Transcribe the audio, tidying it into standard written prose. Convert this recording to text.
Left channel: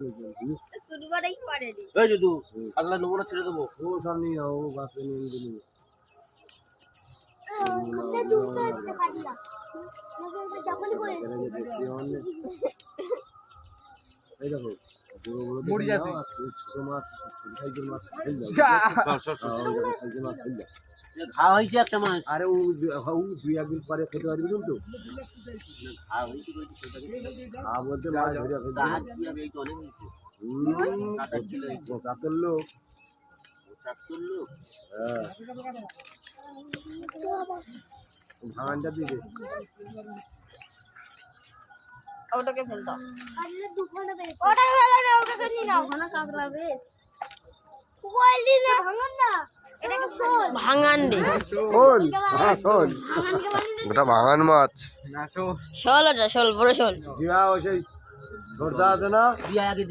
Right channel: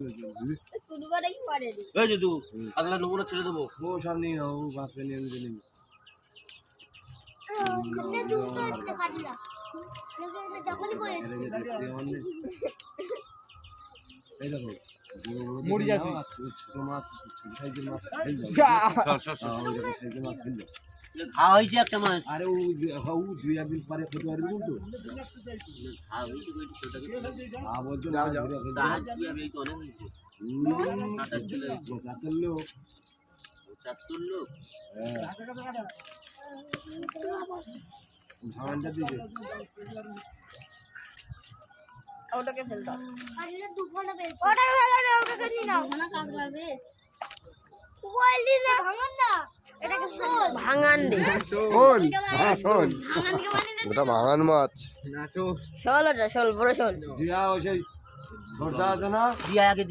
এই যে আগলা নেবো না ছেড়ে দেবো ও সব নিয়ে নাও ও মাছ নিয়ে নিয়ে এই দেখো মরি যাচ্ছে ছোট মাছ ছোট সাইজের মাছ ঘা হয়েছে একটা মাছ আরে ও দুই একদিন পরে খেতে পারবি তো ঘা হয়েছে বলতে অনেক হয়েছে 75 লোক 75 লোক ভাঙানটা দিকে ওটাকে ফেল দাও আরে দুখানা বেশ ওটাকে ফেলো না ওটাকে নিয়ে নাও দুখানা কাঁকড়া বেশ ওইলি রে ভাঙন না এটাকে ভাঙান দে শোল হ্যাঁ শোল ভাঙানকে মানে ওটা ভাঙান মাছ না শোল শোল ওটা শোল বড় শোল জিয়া ওই সেই ছোটদা আছে না দিয়া আগে